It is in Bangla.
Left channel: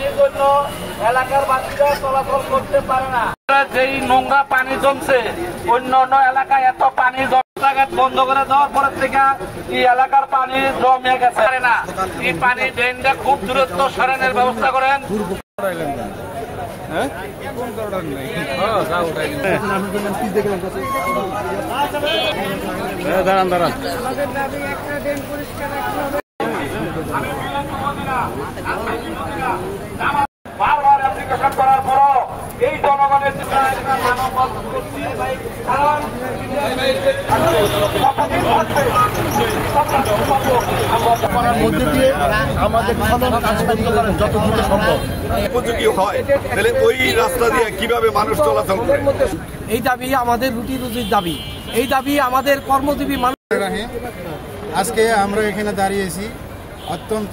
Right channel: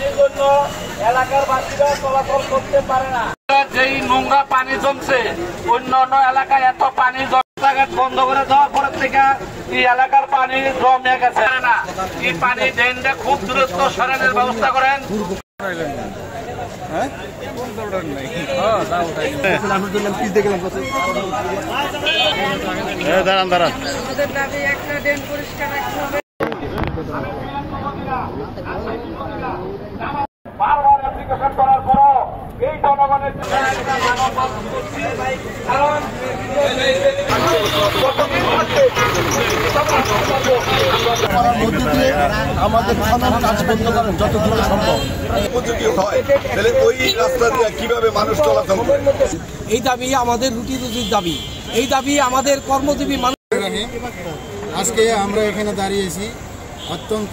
পানির জন্য এলাকার বাসীরা চলাচল করতে পারে না। যেই নোংরা পানি জমছে, অন্য অন্য এলাকায় এত পানি রাস্তাঘাট বন্ধ করে দেওয়ার পর থেকে এই এলাকার পানি জমে গেছে না। এই পানি ড্রেনটা খুব দূরত্ব সরানোর ব্যবস্থা করেন। দাঁড়ান দাঁড়ান, আমাদের দাবি একটা ড্রেন পরিষ্কার রাখতে হবে। বারবার অ্যাপ্লিকেশন করার পরও এই জনগণের করার মধ্যে দিয়ে আমাদের খনন কাজ বন্ধ করেন যত দ্রুত সম্ভব। উপযোগী হয় তাহলে ওই রাস্তা দিয়ে কিভাবে মানুষ চলাচল করে? এই দাবি আমাদের রুটি রুজির দাবি, এই দাবি আমাদের কর্মজীবী মানুষ। আজকে আমরা এখানে দাঁড়িয়েছি অত্যন্ত